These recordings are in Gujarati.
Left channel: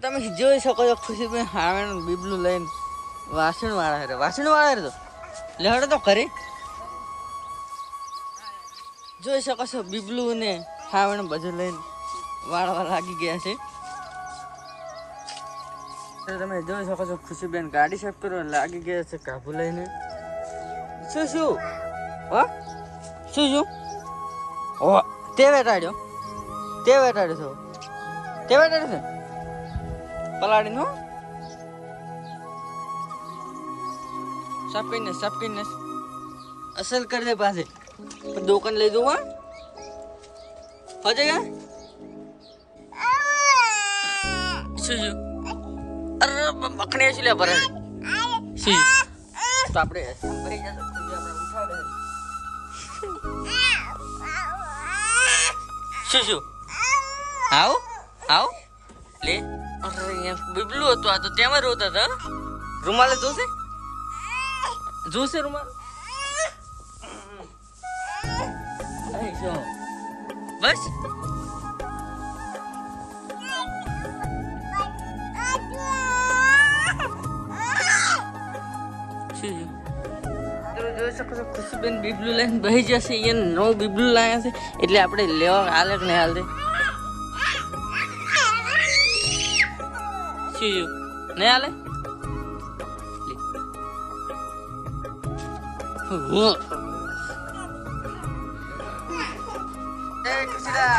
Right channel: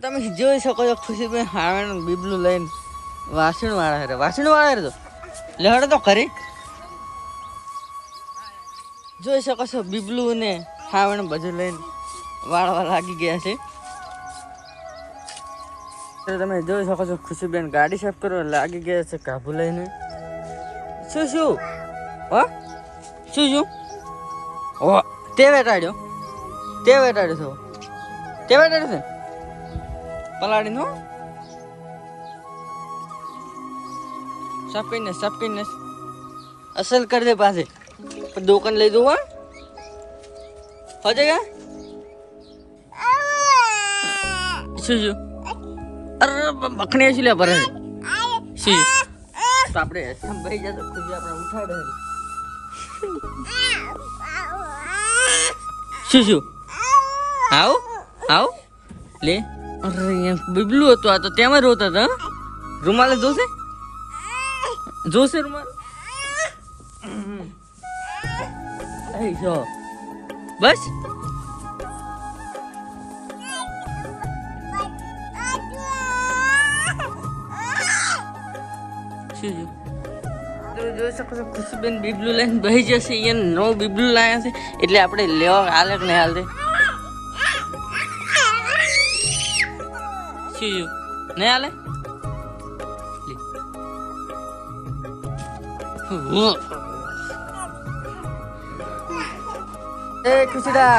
તમે જોઈ શકો છો ખુશીબેન હાવણ બીબલું લઈને વાસણ વાળા રે તો લેવડે તો ખરી જોઈ શકો છો બીબલું ને હાવણ બધું લઈને વાળવા લાગી ગયા છે. તમે જોઈ શકો છો ખુશીબેન ગાડી સાફ કરવા લાગી ગયા છે કાબુ લઈને. શું હો શું ઓ તે વેટાડ્યો છે પલાડી નો સાફ કરીને અસલ કરી દે પાસે દુકાન લઈ દઉં હો જગા શું અરે બખણી શું લે ભરે તો આપણે ભાઈ જતો આપણે ઉઠાડે શું આવ લે અરે બીબલું હતું આ તો તેમાં રોતા હતા. રૂમાલે જોશે રૂમાલ બસ તમે જોઈ શકો છો ખુશીબેન બીબલું લઈને બહી જશે. અહીંયા નવું બીબલું લાયા છે એટલે આપણે લેવા હાલે કે નહીં હાલતે નહીં હાલે. એ ખુશીદા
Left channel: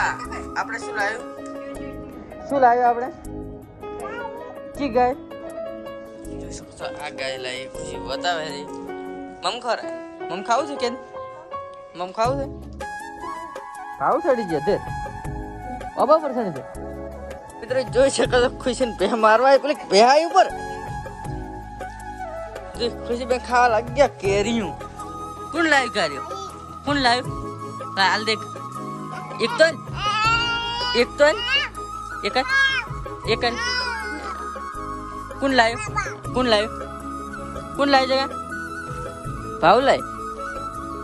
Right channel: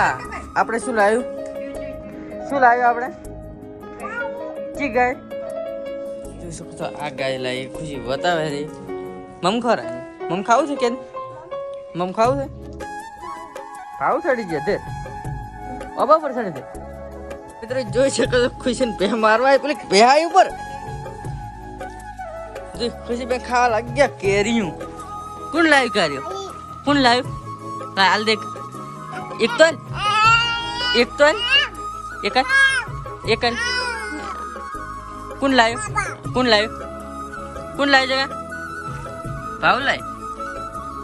આપણે શું લાવ્યું આપણે કી ગાય જોઈ શકો છો. આ ગાય લાવી ખુશી બતાવે રે મમ ખરા મમ ખાવું છે કે મમ ખાવું છે ખાવું ચડી ગયા તે બાબા પર ચડી દે મિત્રો જોઈ શકો છો ખુશી ને ભે મારવા પેલી ભેહાઈ ઉપર ખુશી બે ખાવા લાગી ગયા કેરીયું. કોણ લાવ્યું હાલ દેખ એક કોણ લાવ્યું જગા ભાવ લાય